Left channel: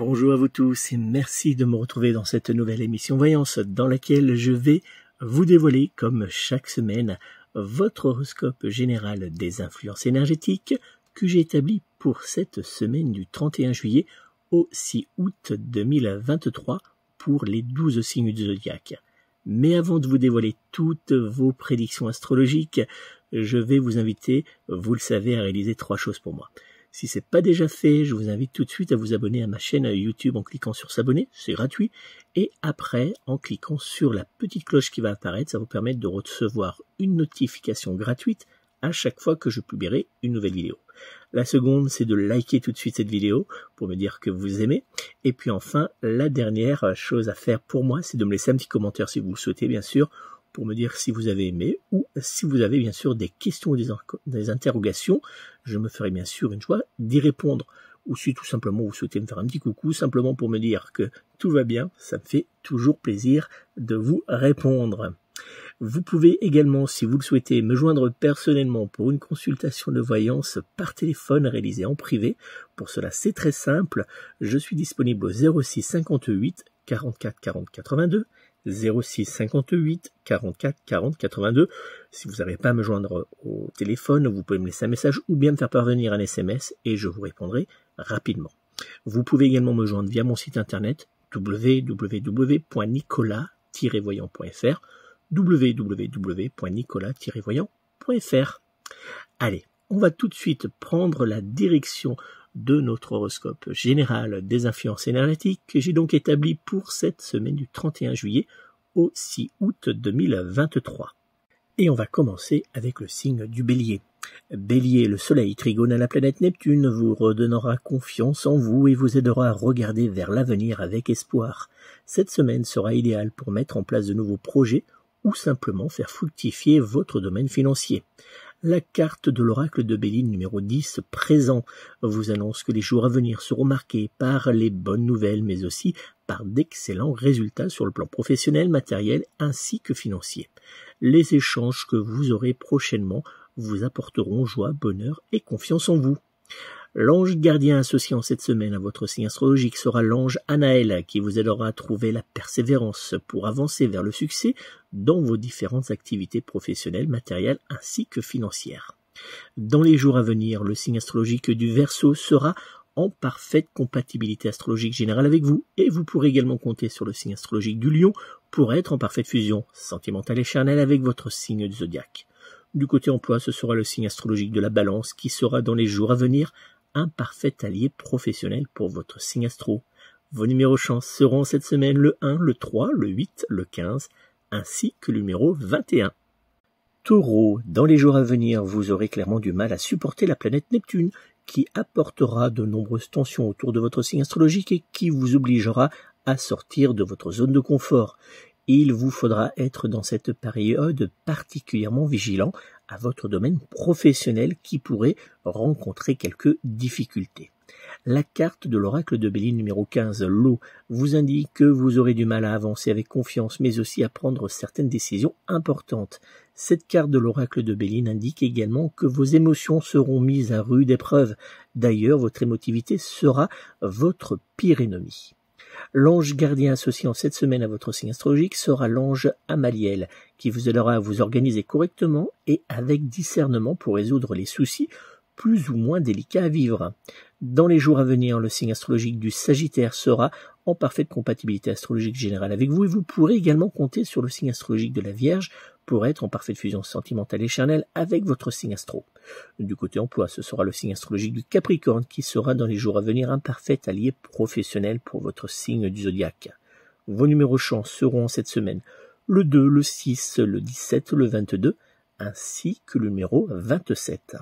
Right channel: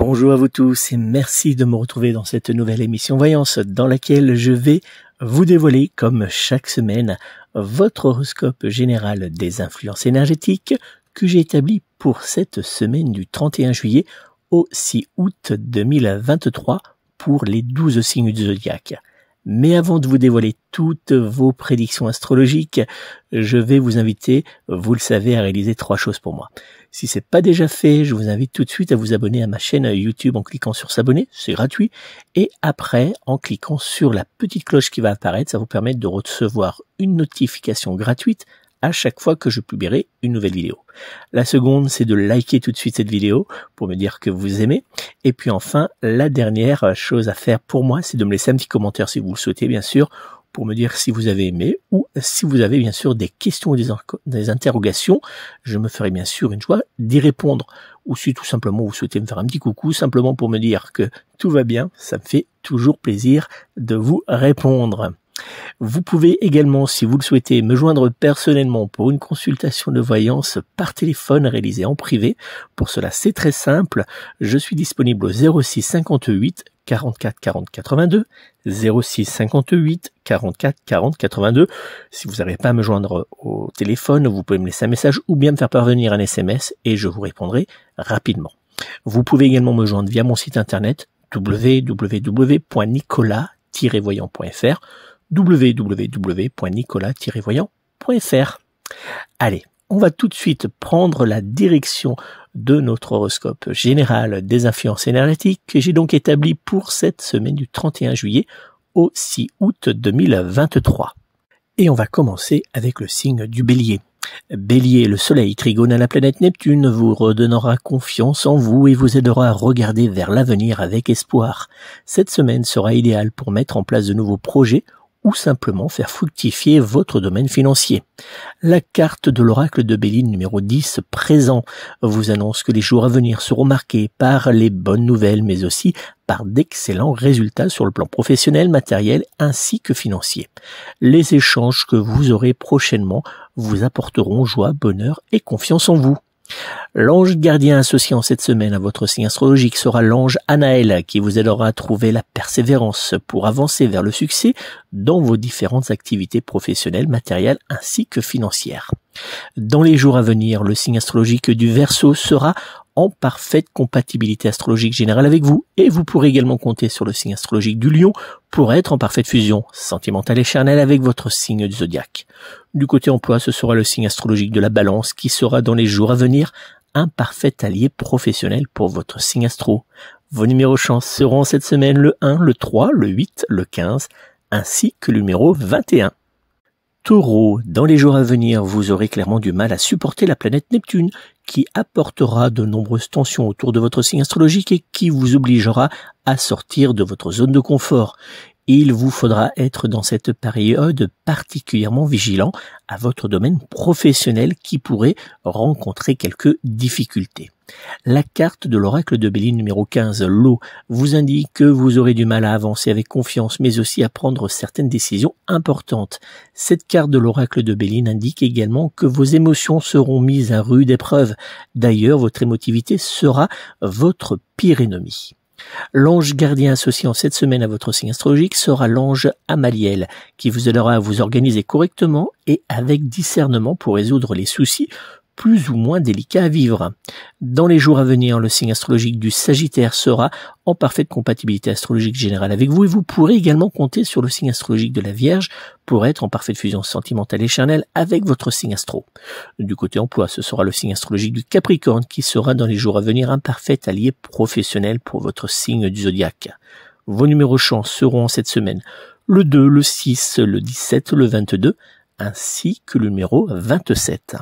Bonjour à vous tous et merci de me retrouver dans cette nouvelle émission Voyance dans laquelle je vais vous dévoiler, comme chaque semaine, votre horoscope général des influences énergétiques que j'ai établi pour cette semaine du 31 juillet au 6 août 2023 pour les 12 signes du zodiaque. Mais avant de vous dévoiler toutes vos prédictions astrologiques, je vais vous inviter, vous le savez, à réaliser 3 choses pour moi. Si c'est pas déjà fait, je vous invite tout de suite à vous abonner à ma chaîne YouTube en cliquant sur s'abonner, c'est gratuit. Et après, en cliquant sur la petite cloche qui va apparaître, ça vous permet de recevoir une notification gratuite à chaque fois que je publierai une nouvelle vidéo. La seconde, c'est de liker tout de suite cette vidéo pour me dire que vous aimez. Et puis enfin, la dernière chose à faire pour moi, c'est de me laisser un petit commentaire si vous le souhaitez, bien sûr, pour me dire si vous avez aimé ou si vous avez bien sûr des questions ou des interrogations. Je me ferai bien sûr une joie d'y répondre. Ou si tout simplement vous souhaitez me faire un petit coucou, simplement pour me dire que tout va bien, ça me fait toujours plaisir de vous répondre. Vous pouvez également, si vous le souhaitez, me joindre personnellement pour une consultation de voyance par téléphone réalisée en privé. Pour cela, c'est très simple. Je suis disponible au 06 58 44 40 82, 06 58 44 40 82. Si vous n'arrivez pas à me joindre au téléphone, vous pouvez me laisser un message ou bien me faire parvenir un SMS et je vous répondrai rapidement. Vous pouvez également me joindre via mon site internet www.nicolas-voyant.fr www.nicolas-voyant.fr. Allez, on va tout de suite prendre la direction de notre horoscope général des influences énergétiques que j'ai donc établi pour cette semaine du 31 juillet au 6 août 2023. Et on va commencer avec le signe du Bélier. Bélier, le soleil trigone à la planète Neptune vous redonnera confiance en vous et vous aidera à regarder vers l'avenir avec espoir. Cette semaine sera idéale pour mettre en place de nouveaux projets ou simplement faire fructifier votre domaine financier. La carte de l'oracle de Béline numéro 10 présent vous annonce que les jours à venir seront marqués par les bonnes nouvelles mais aussi par d'excellents résultats sur le plan professionnel, matériel ainsi que financier. Les échanges que vous aurez prochainement vous apporteront joie, bonheur et confiance en vous. L'ange gardien associé en cette semaine à votre signe astrologique sera l'ange Anaël qui vous aidera à trouver la persévérance pour avancer vers le succès dans vos différentes activités professionnelles, matérielles ainsi que financières. Dans les jours à venir, le signe astrologique du Verseau sera en parfaite compatibilité astrologique générale avec vous et vous pourrez également compter sur le signe astrologique du Lion pour être en parfaite fusion sentimentale et charnelle avec votre signe du zodiaque. Du côté emploi, ce sera le signe astrologique de la Balance qui sera dans les jours à venir un parfait allié professionnel pour votre signe astro. Vos numéros chance seront cette semaine le 1, le 3, le 8, le 15 ainsi que le numéro 21. Taureau, dans les jours à venir, vous aurez clairement du mal à supporter la planète Neptune qui apportera de nombreuses tensions autour de votre signe astrologique et qui vous obligera à sortir de votre zone de confort. Il vous faudra être dans cette période particulièrement vigilant à votre domaine professionnel qui pourrait rencontrer quelques difficultés. La carte de l'oracle de Béline numéro 15, l'eau, vous indique que vous aurez du mal à avancer avec confiance mais aussi à prendre certaines décisions importantes. Cette carte de l'oracle de Béline indique également que vos émotions seront mises à rude épreuve. D'ailleurs, votre émotivité sera votre pire ennemi. L'ange gardien associé en cette semaine à votre signe astrologique sera l'ange Amaliel, qui vous aidera à vous organiser correctement et avec discernement pour résoudre les soucis plus ou moins délicats à vivre. Dans les jours à venir, le signe astrologique du Sagittaire sera en parfaite compatibilité astrologique générale avec vous et vous pourrez également compter sur le signe astrologique de la Vierge pour être en parfaite fusion sentimentale et charnelle avec votre signe astro. Du côté emploi, ce sera le signe astrologique du Capricorne qui sera dans les jours à venir un parfait allié professionnel pour votre signe du zodiaque. Vos numéros chance seront cette semaine le 2, le 6, le 17, le 22 ainsi que le numéro 27.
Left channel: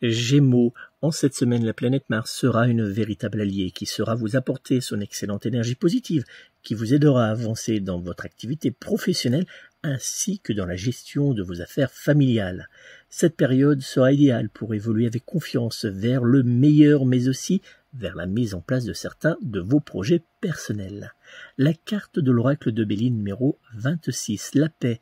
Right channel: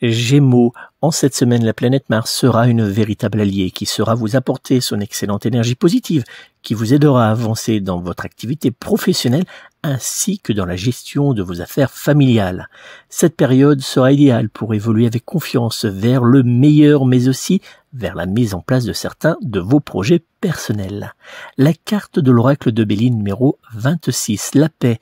Gémeaux, en cette semaine, la planète Mars sera une véritable alliée qui saura vous apporter son excellente énergie positive qui vous aidera à avancer dans votre activité professionnelle ainsi que dans la gestion de vos affaires familiales. Cette période sera idéale pour évoluer avec confiance vers le meilleur mais aussi vers la mise en place de certains de vos projets personnels. La carte de l'oracle de Béline numéro 26, la paix,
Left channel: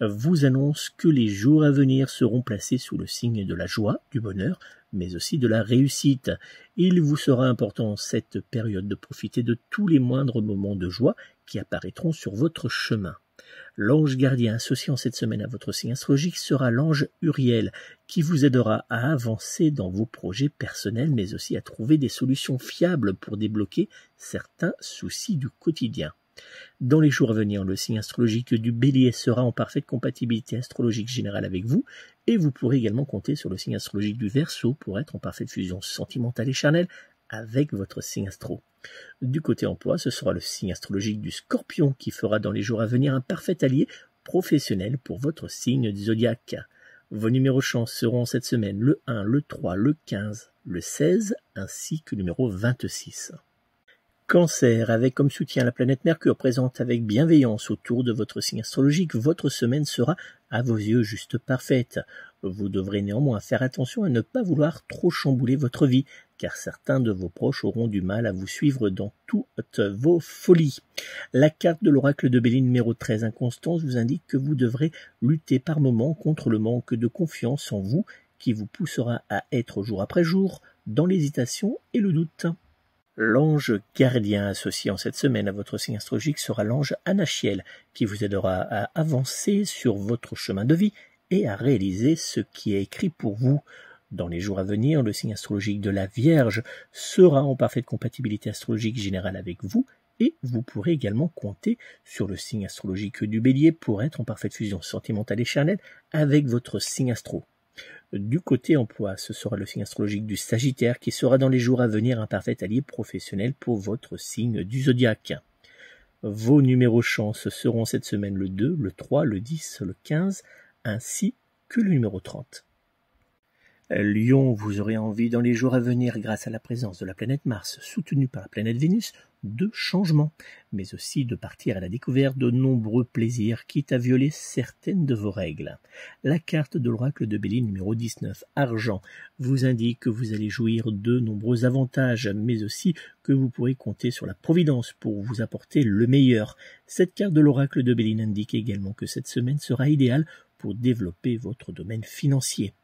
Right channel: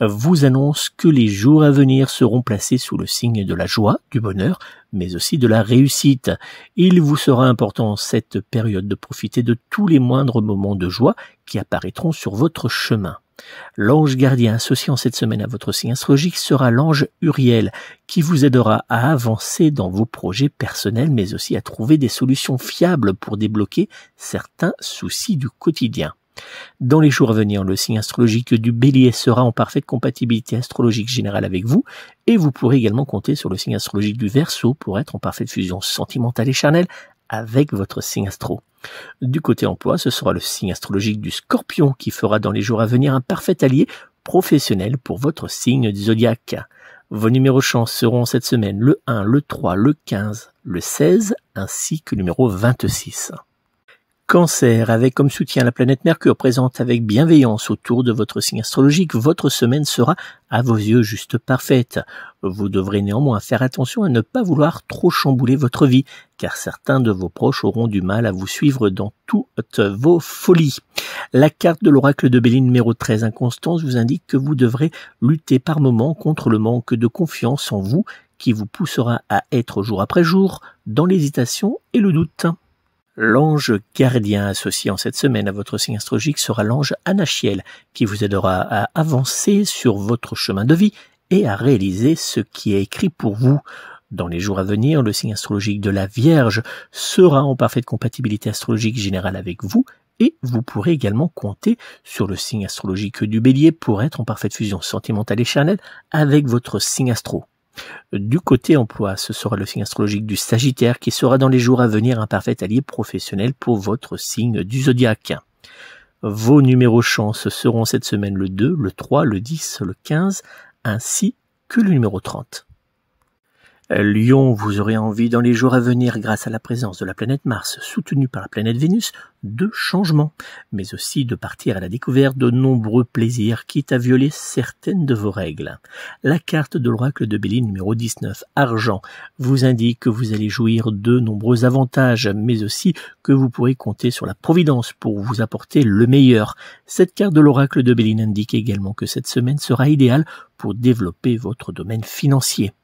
vous annonce que les jours à venir seront placés sous le signe de la joie, du bonheur, mais aussi de la réussite. Il vous sera important en cette période de profiter de tous les moindres moments de joie qui apparaîtront sur votre chemin. L'ange gardien associé en cette semaine à votre signe astrologique sera l'ange Uriel, qui vous aidera à avancer dans vos projets personnels, mais aussi à trouver des solutions fiables pour débloquer certains soucis du quotidien. Dans les jours à venir, le signe astrologique du Bélier sera en parfaite compatibilité astrologique générale avec vous, et vous pourrez également compter sur le signe astrologique du Verseau pour être en parfaite fusion sentimentale et charnelle avec votre signe astro. Du côté emploi, ce sera le signe astrologique du Scorpion qui fera dans les jours à venir un parfait allié professionnel pour votre signe du zodiaque. Vos numéros chance seront cette semaine le 1, le 3, le 15, le 16 ainsi que le numéro 26. Cancer, avec comme soutien la planète Mercure présente avec bienveillance autour de votre signe astrologique, votre semaine sera à vos yeux juste parfaite. Vous devrez néanmoins faire attention à ne pas vouloir trop chambouler votre vie, car certains de vos proches auront du mal à vous suivre dans toutes vos folies. La carte de l'oracle de Béline numéro 13, Inconstance, vous indique que vous devrez lutter par moments contre le manque de confiance en vous qui vous poussera à être jour après jour dans l'hésitation et le doute. L'ange gardien associé en cette semaine à votre signe astrologique sera l'ange Anachiel, qui vous aidera à avancer sur votre chemin de vie et à réaliser ce qui est écrit pour vous. Dans les jours à venir, le signe astrologique de la Vierge sera en parfaite compatibilité astrologique générale avec vous, et vous pourrez également compter sur le signe astrologique du Bélier pour être en parfaite fusion sentimentale et charnelle avec votre signe astro. Du côté emploi, ce sera le signe astrologique du Sagittaire qui sera dans les jours à venir un parfait allié professionnel pour votre signe du zodiaque. Vos numéros chance seront cette semaine le 2, le 3, le 10, le 15 ainsi que le numéro 30. Lion, vous aurez envie dans les jours à venir, grâce à la présence de la planète Mars, soutenue par la planète Vénus, de changements, mais aussi de partir à la découverte de nombreux plaisirs, quitte à violer certaines de vos règles. La carte de l'oracle de Béline numéro 19, Argent, vous indique que vous allez jouir de nombreux avantages, mais aussi que vous pourrez compter sur la Providence pour vous apporter le meilleur. Cette carte de l'oracle de Béline indique également que cette semaine sera idéale pour développer votre domaine financier.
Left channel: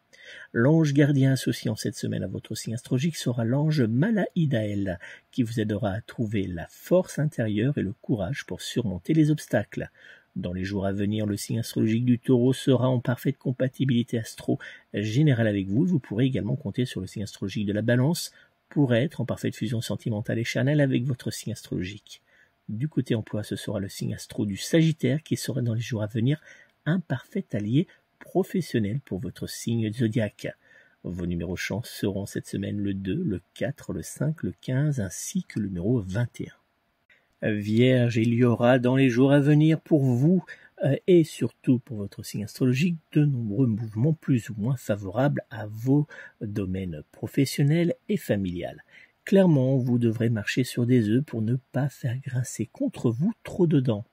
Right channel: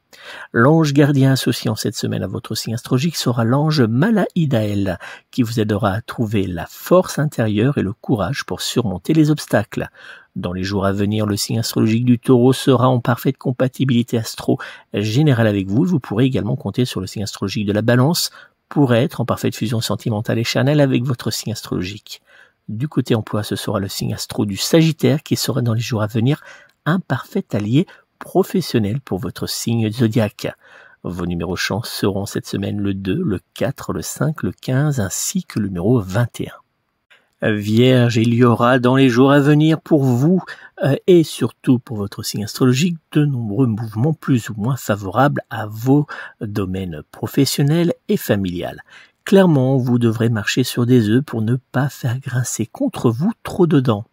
L'ange gardien associé en cette semaine à votre signe astrologique sera l'ange Malaïdaël, qui vous aidera à trouver la force intérieure et le courage pour surmonter les obstacles. Dans les jours à venir, le signe astrologique du Taureau sera en parfaite compatibilité astro générale avec vous. Vous pourrez également compter sur le signe astrologique de la Balance pour être en parfaite fusion sentimentale et charnelle avec votre signe astrologique. Du côté emploi, ce sera le signe astro du Sagittaire qui sera dans les jours à venir un parfait allié professionnel pour votre signe zodiaque. Vos numéros chance seront cette semaine le 2, le 4, le 5, le 15 ainsi que le numéro 21. Vierge, il y aura dans les jours à venir pour vous et surtout pour votre signe astrologique de nombreux mouvements plus ou moins favorables à vos domaines professionnels et familiales. Clairement, vous devrez marcher sur des œufs pour ne pas faire grincer contre vous trop de dents.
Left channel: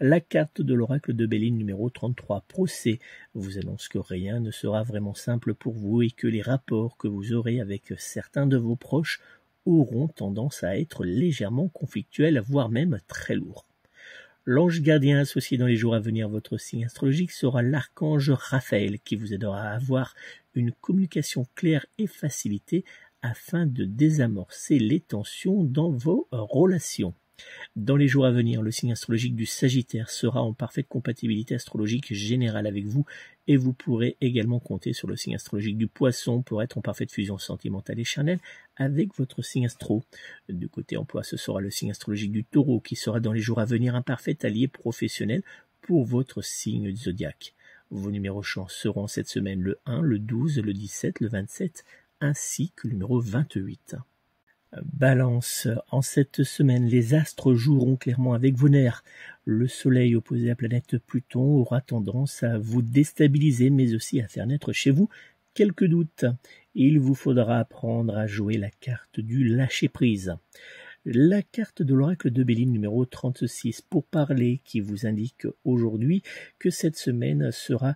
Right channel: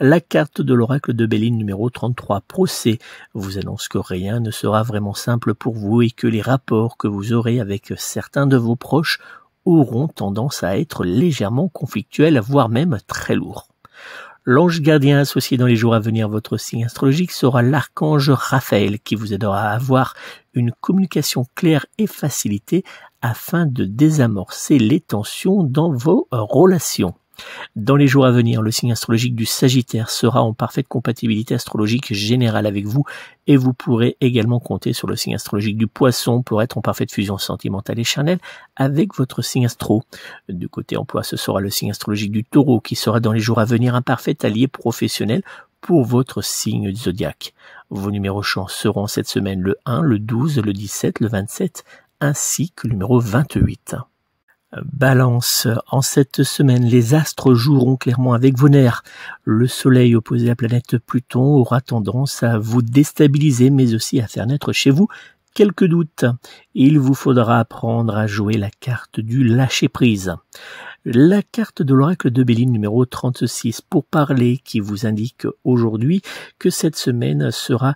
La carte de l'oracle de Béline numéro 33, Procès, vous annonce que rien ne sera vraiment simple pour vous et que les rapports que vous aurez avec certains de vos proches auront tendance à être légèrement conflictuels, voire même très lourds. L'ange gardien associé dans les jours à venir à votre signe astrologique sera l'archange Raphaël qui vous aidera à avoir une communication claire et facilitée afin de désamorcer les tensions dans vos relations. Dans les jours à venir, le signe astrologique du Sagittaire sera en parfaite compatibilité astrologique générale avec vous et vous pourrez également compter sur le signe astrologique du Poisson pour être en parfaite fusion sentimentale et charnelle avec votre signe astro. Du côté emploi, ce sera le signe astrologique du Taureau qui sera dans les jours à venir un parfait allié professionnel pour votre signe du zodiaque. Vos numéros chance seront cette semaine le 1, le 12, le 17, le 27 ainsi que le numéro 28. Balance, en cette semaine, les astres joueront clairement avec vos nerfs. Le soleil opposé à la planète Pluton aura tendance à vous déstabiliser, mais aussi à faire naître chez vous quelques doutes. Il vous faudra apprendre à jouer la carte du lâcher-prise. La carte de l'oracle de Béline numéro 36 pour parler qui vous indique aujourd'hui que cette semaine sera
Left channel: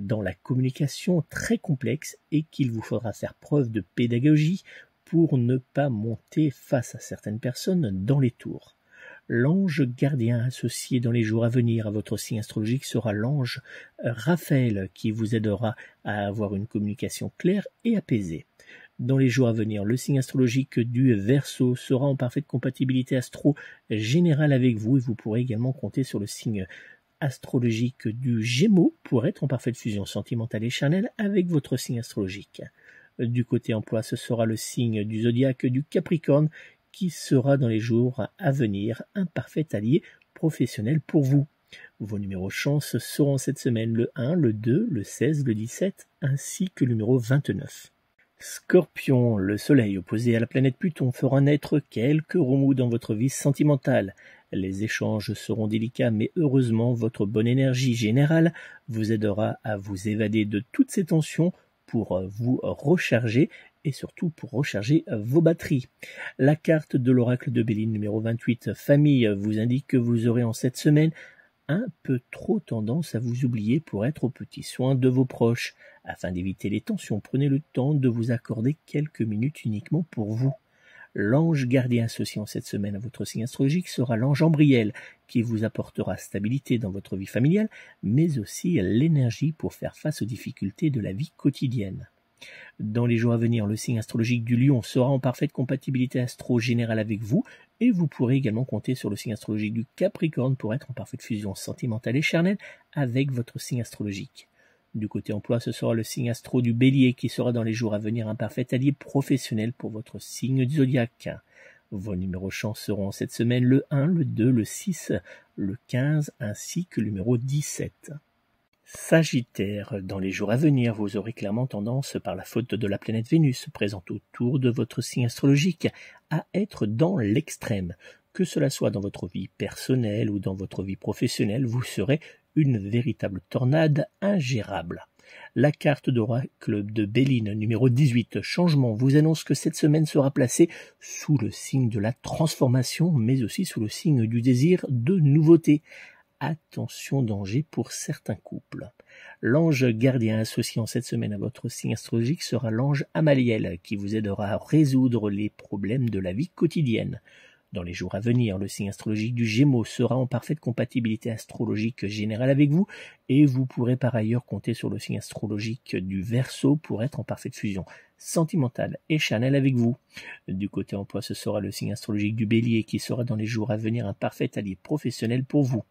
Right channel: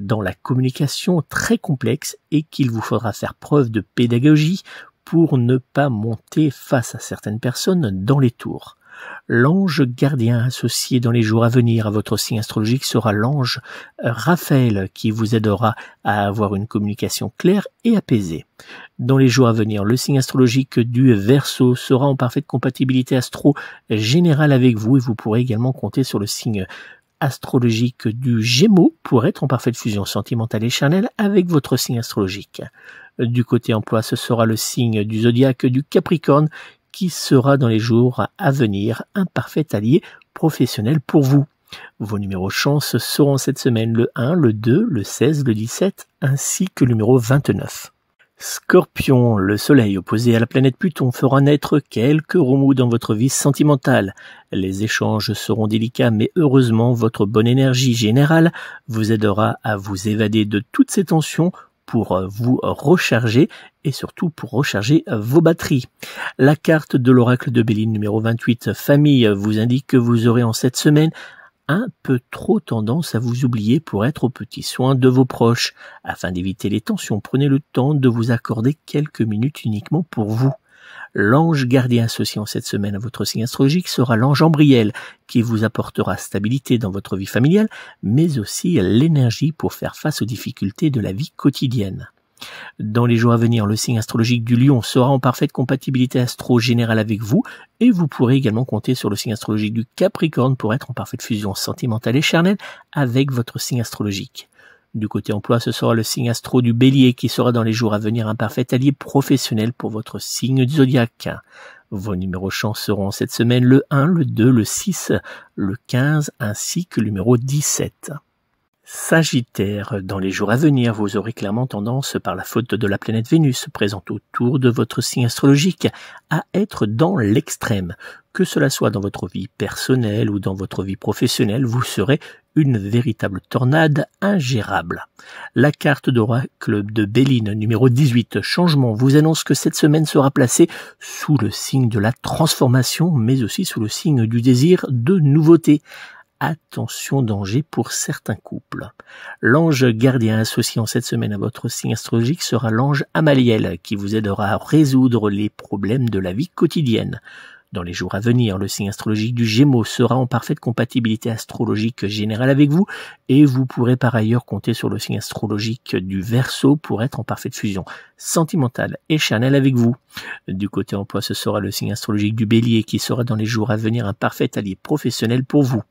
dans la communication très complexe et qu'il vous faudra faire preuve de pédagogie pour ne pas monter face à certaines personnes dans les tours. L'ange gardien associé dans les jours à venir à votre signe astrologique sera l'ange Raphaël qui vous aidera à avoir une communication claire et apaisée. Dans les jours à venir, le signe astrologique du Verseau sera en parfaite compatibilité astro générale avec vous et vous pourrez également compter sur le signe astrologique du Gémeaux pour être en parfaite fusion sentimentale et charnelle avec votre signe astrologique. Du côté emploi, ce sera le signe du zodiaque du Capricorne qui sera dans les jours à venir un parfait allié professionnel pour vous. Vos numéros chance seront cette semaine le 1, le 2, le 16, le 17 ainsi que le numéro 29. Scorpion, le soleil opposé à la planète Pluton fera naître quelques remous dans votre vie sentimentale. Les échanges seront délicats mais heureusement votre bonne énergie générale vous aidera à vous évader de toutes ces tensions pour vous recharger et surtout pour recharger vos batteries. La carte de l'oracle de Béline numéro 28, famille, vous indique que vous aurez en cette semaine un peu trop tendance à vous oublier pour être aux petits soins de vos proches. Afin d'éviter les tensions, prenez le temps de vous accorder quelques minutes uniquement pour vous. L'ange gardien associé en cette semaine à votre signe astrologique sera l'ange Ambriel, qui vous apportera stabilité dans votre vie familiale, mais aussi l'énergie pour faire face aux difficultés de la vie quotidienne. Dans les jours à venir, le signe astrologique du Lion sera en parfaite compatibilité astro-générale avec vous et vous pourrez également compter sur le signe astrologique du Capricorne pour être en parfaite fusion sentimentale et charnelle avec votre signe astrologique. Du côté emploi, ce sera le signe astro du Bélier qui sera dans les jours à venir un parfait allié professionnel pour votre signe du zodiaque. Vos numéros chance seront cette semaine le 1, le 2, le 6, le 15 ainsi que le numéro 17. Sagittaire, dans les jours à venir, vous aurez clairement tendance, par la faute de la planète Vénus présente autour de votre signe astrologique, à être dans l'extrême. Que cela soit dans votre vie personnelle ou dans votre vie professionnelle, vous serez une véritable tornade ingérable. La carte d'oracle de Béline numéro 18, changement, vous annonce que cette semaine sera placée sous le signe de la transformation, mais aussi sous le signe du désir de nouveauté. Attention danger pour certains couples. L'ange gardien associé en cette semaine à votre signe astrologique sera l'ange Amaliel qui vous aidera à résoudre les problèmes de la vie quotidienne. Dans les jours à venir, le signe astrologique du Gémeaux sera en parfaite compatibilité astrologique générale avec vous et vous pourrez par ailleurs compter sur le signe astrologique du Verseau pour être en parfaite fusion sentimentale et charnelle avec vous. Du côté emploi, ce sera le signe astrologique du Bélier qui sera dans les jours à venir un parfait allié professionnel pour vous.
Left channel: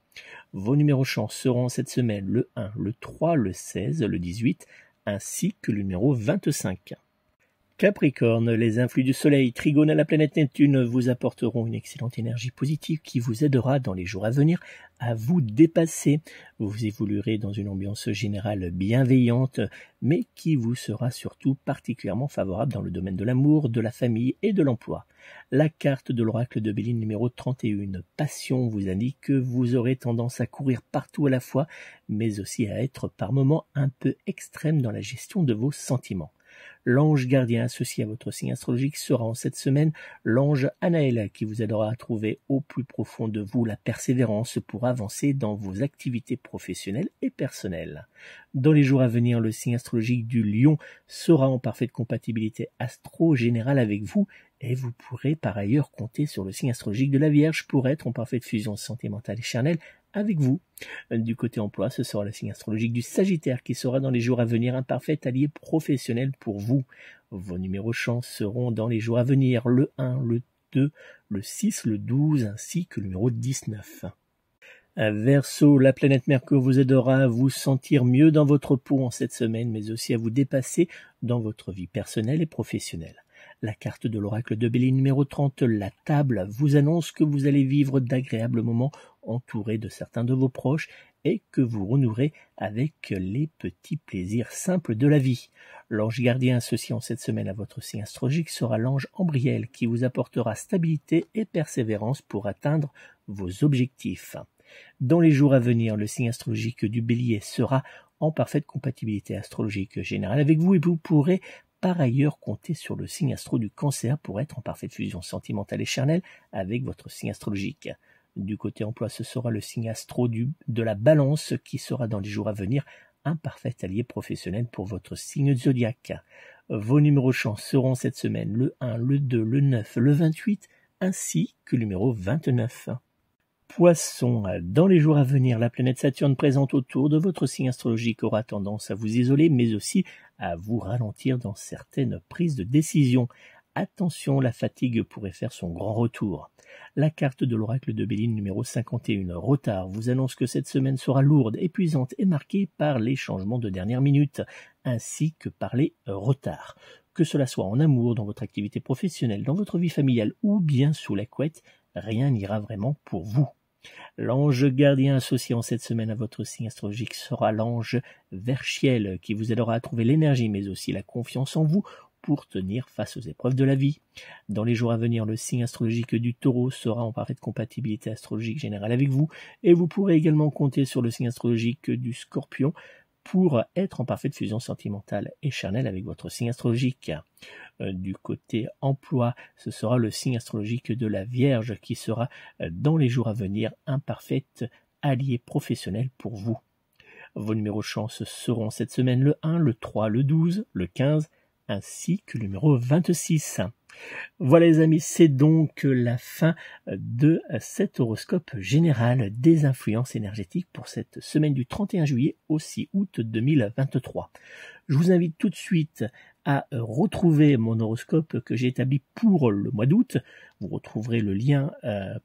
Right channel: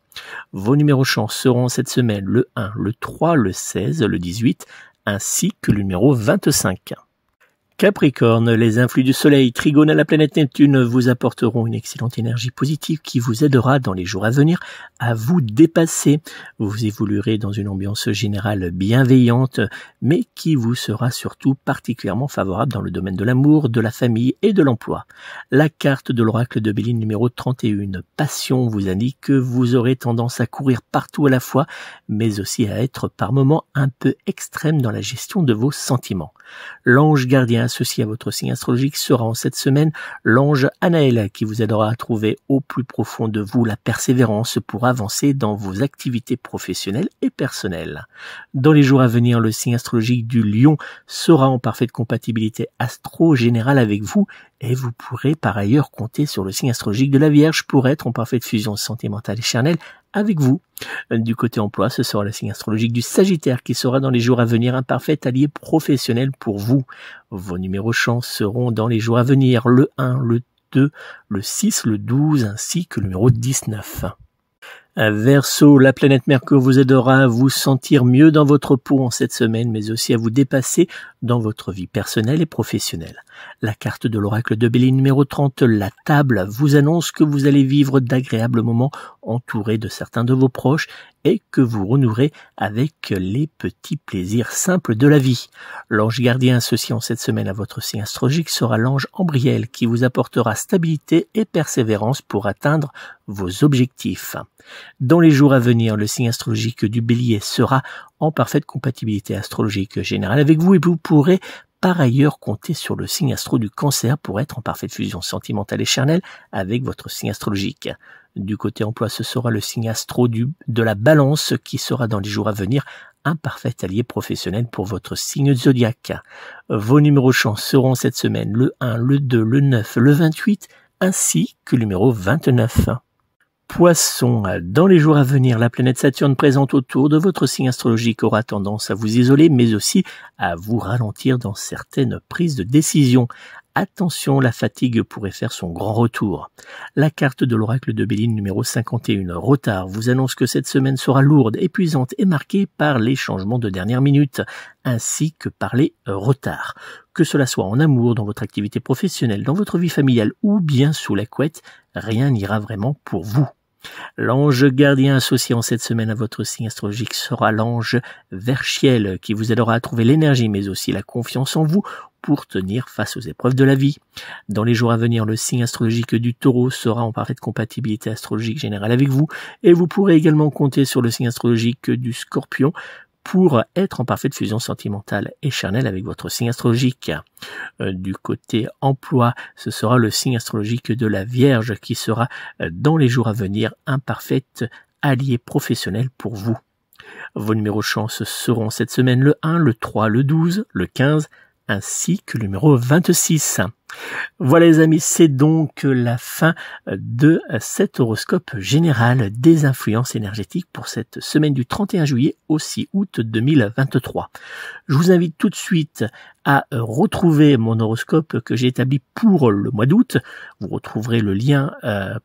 Vos numéros chance seront cette semaine le 1, le 3, le 16, le 18 ainsi que le numéro 25. Capricorne, les influx du soleil, trigone à la planète Neptune vous apporteront une excellente énergie positive qui vous aidera dans les jours à venir à vous dépasser. Vous évoluerez dans une ambiance générale bienveillante, mais qui vous sera surtout particulièrement favorable dans le domaine de l'amour, de la famille et de l'emploi. La carte de l'oracle de Béline numéro 31, passion, vous indique que vous aurez tendance à courir partout à la fois, mais aussi à être par moments un peu extrême dans la gestion de vos sentiments. L'ange gardien associé à votre signe astrologique sera en cette semaine l'ange Anaël qui vous aidera à trouver au plus profond de vous la persévérance pour avancer dans vos activités professionnelles et personnelles. Dans les jours à venir, le signe astrologique du Lion sera en parfaite compatibilité astro-générale avec vous et vous pourrez par ailleurs compter sur le signe astrologique de la Vierge pour être en parfaite fusion sentimentale et charnelle avec vous. Du côté emploi, ce sera le signe astrologique du Sagittaire qui sera dans les jours à venir un parfait allié professionnel pour vous. Vos numéros chance seront dans les jours à venir le 1, le 2, le 6, le 12 ainsi que le numéro 19. Verseau, la planète Mercure vous aidera à vous sentir mieux dans votre peau en cette semaine, mais aussi à vous dépasser dans votre vie personnelle et professionnelle. La carte de l'oracle de Béline numéro 30, la table, vous annonce que vous allez vivre d'agréables moments entourés de certains de vos proches et que vous renouerez avec les petits plaisirs simples de la vie. L'ange gardien associé en cette semaine à votre signe astrologique sera l'ange Ambriel qui vous apportera stabilité et persévérance pour atteindre vos objectifs. Dans les jours à venir, le signe astrologique du Bélier sera en parfaite compatibilité astrologique générale avec vous et vous pourrez par ailleurs compter sur le signe astro du Cancer pour être en parfaite fusion sentimentale et charnelle avec votre signe astrologique. Du côté emploi, ce sera le signe astro de la Balance qui sera dans les jours à venir un parfait allié professionnel pour votre signe zodiaque. Vos numéros chance seront cette semaine le 1, le 2, le 9, le 28 ainsi que le numéro 29. Poissons, dans les jours à venir, la planète Saturne présente autour de votre signe astrologique aura tendance à vous isoler, mais aussi à vous ralentir dans certaines prises de décision. Attention, la fatigue pourrait faire son grand retour. La carte de l'oracle de Béline numéro 51, retard, vous annonce que cette semaine sera lourde, épuisante et marquée par les changements de dernière minute, ainsi que par les retards. Que cela soit en amour, dans votre activité professionnelle, dans votre vie familiale ou bien sous la couette, rien n'ira vraiment pour vous. L'ange gardien associé en cette semaine à votre signe astrologique sera l'ange Verchiel qui vous aidera à trouver l'énergie mais aussi la confiance en vous pour tenir face aux épreuves de la vie. Dans les jours à venir, le signe astrologique du Taureau sera en parfaite compatibilité astrologique générale avec vous et vous pourrez également compter sur le signe astrologique du Scorpion pour être en parfaite fusion sentimentale et charnelle avec votre signe astrologique. Du côté emploi, ce sera le signe astrologique de la Vierge qui sera dans les jours à venir un parfait allié professionnel pour vous. Vos numéros chance seront cette semaine le 1, le 3, le 12, le 15 ainsi que le numéro 26. Voilà les amis, c'est donc la fin de cet horoscope général des influences énergétiques pour cette semaine du 31 juillet au 6 août 2023. Je vous invite tout de suite à retrouver mon horoscope que j'ai établi pour le mois d'août. Vous retrouverez le lien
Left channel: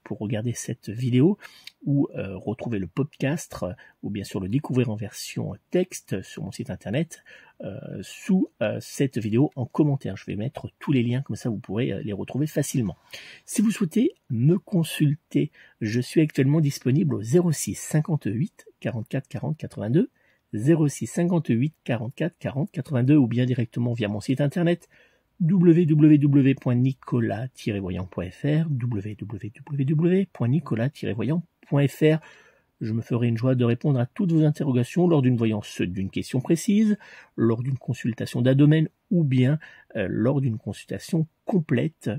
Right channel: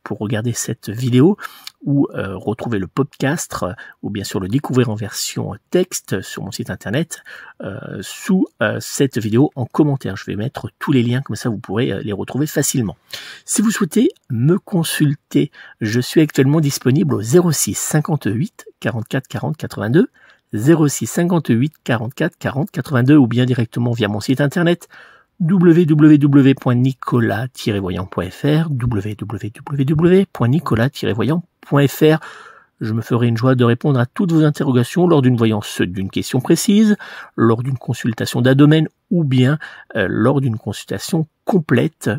pour regarder cette vidéo ou retrouver le podcast ou bien sûr le découvrir en version texte sur mon site internet sous cette vidéo en commentaire. Je vais mettre tous les liens, comme ça vous pourrez les retrouver facilement. Si vous souhaitez me consulter, je suis actuellement disponible au 06 58 44 40 82, 06 58 44 40 82 ou bien directement via mon site internet www.nicolas-voyant.fr, www.nicolas-voyant.fr. Je me ferai une joie de répondre à toutes vos interrogations lors d'une voyance d'une question précise, lors d'une consultation d'un domaine ou bien lors d'une consultation complète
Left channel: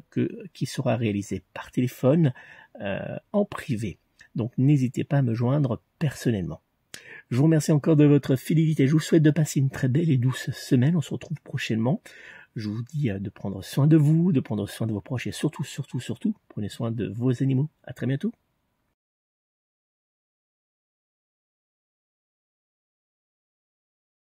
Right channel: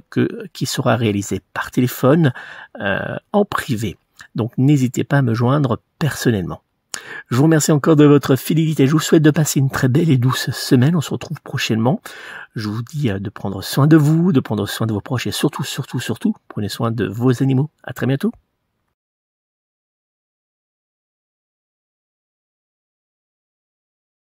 qui sera réalisée par téléphone en privé. Donc n'hésitez pas à me joindre personnellement. Je vous remercie encore de votre fidélité. Je vous souhaite de passer une très belle et douce semaine. On se retrouve prochainement. Je vous dis de prendre soin de vous, de prendre soin de vos proches et surtout, prenez soin de vos animaux. À très bientôt.